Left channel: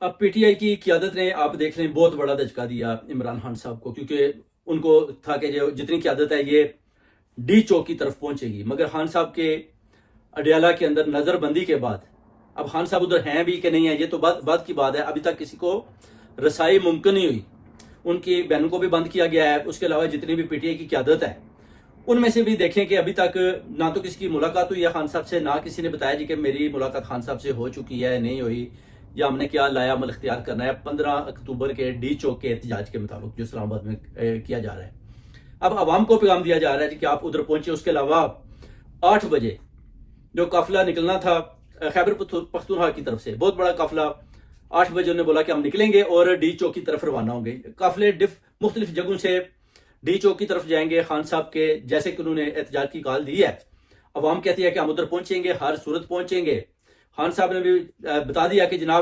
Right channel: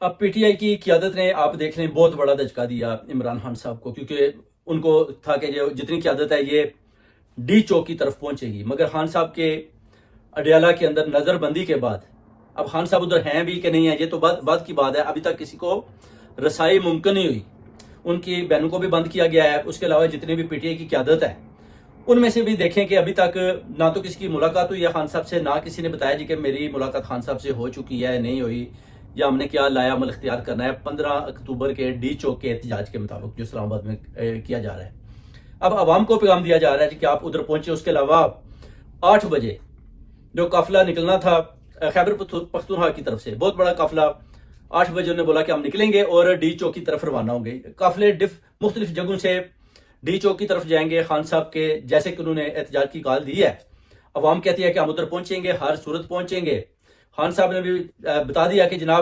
اب P T I کی قیادت نے آپ دیکھ لیں بہت بڑا دھچکا دیا عمران خان صاحب کو، کیونکہ ان کو تھا کہ جو جتنی قیادت ہے یہ ڈی چوک کی طرف پہنچے گی، مگر خان صاحب کے اڈیالہ کے اندر نظر بندی کے بعد اب خان صاحب ادھر ہیں بھی کہ نہیں ہیں یہ تو بعد کی بات ہے، ابھی تک کسی کو رسائی ممکن نہیں ہوئی، ان کی بہنوں کو بھی بند کیا گیا ہے، اس کے علاوہ جتنی بھی پی ٹی آئی کی قیادت ہے ان میں سے بھی دیکھیں کہ ابھی تک نہ تو کسی کی ملاقات ہوئی ہے خان صاحب سے، نہ کسی نے بتایا جی کہ میری ملاقات خان صاحب سے ہو چکی ہے نہیں ہوئی، یا ہم نے کیا لایا عمل اختیار کرنا ہے 15 اکتوبر کے ڈی چوک کے احتجاج کے مطابق جو اسلام آباد میں کیا جا رہا ہے۔ اب عوام کو پیغام دیا جا رہا ہے کہ آپ ادھر پہنچے، اس کے علاوہ 8 بجے جو قافلہ نکلنا تھا خیبر پختونخوا کی طرف سے، بہت بڑا قافلہ، 8 بجے انہوں نے بولا کہ ہم نکلیں گے اور ڈی چوک کی طرف روانہ ہوں گے۔ قافلے مختلف جگہوں سے ڈی چوک کی طرف جائیں گے، خان صاحب کے جیسے کہ انہوں نے احتجاج کی کال دی ہے، عوام کہتی ہے کہ ہم ادھر پہنچیں گے، ہر صورت پہنچیں گے۔ خان صاحب نے بھی بتا دیا کہ جناب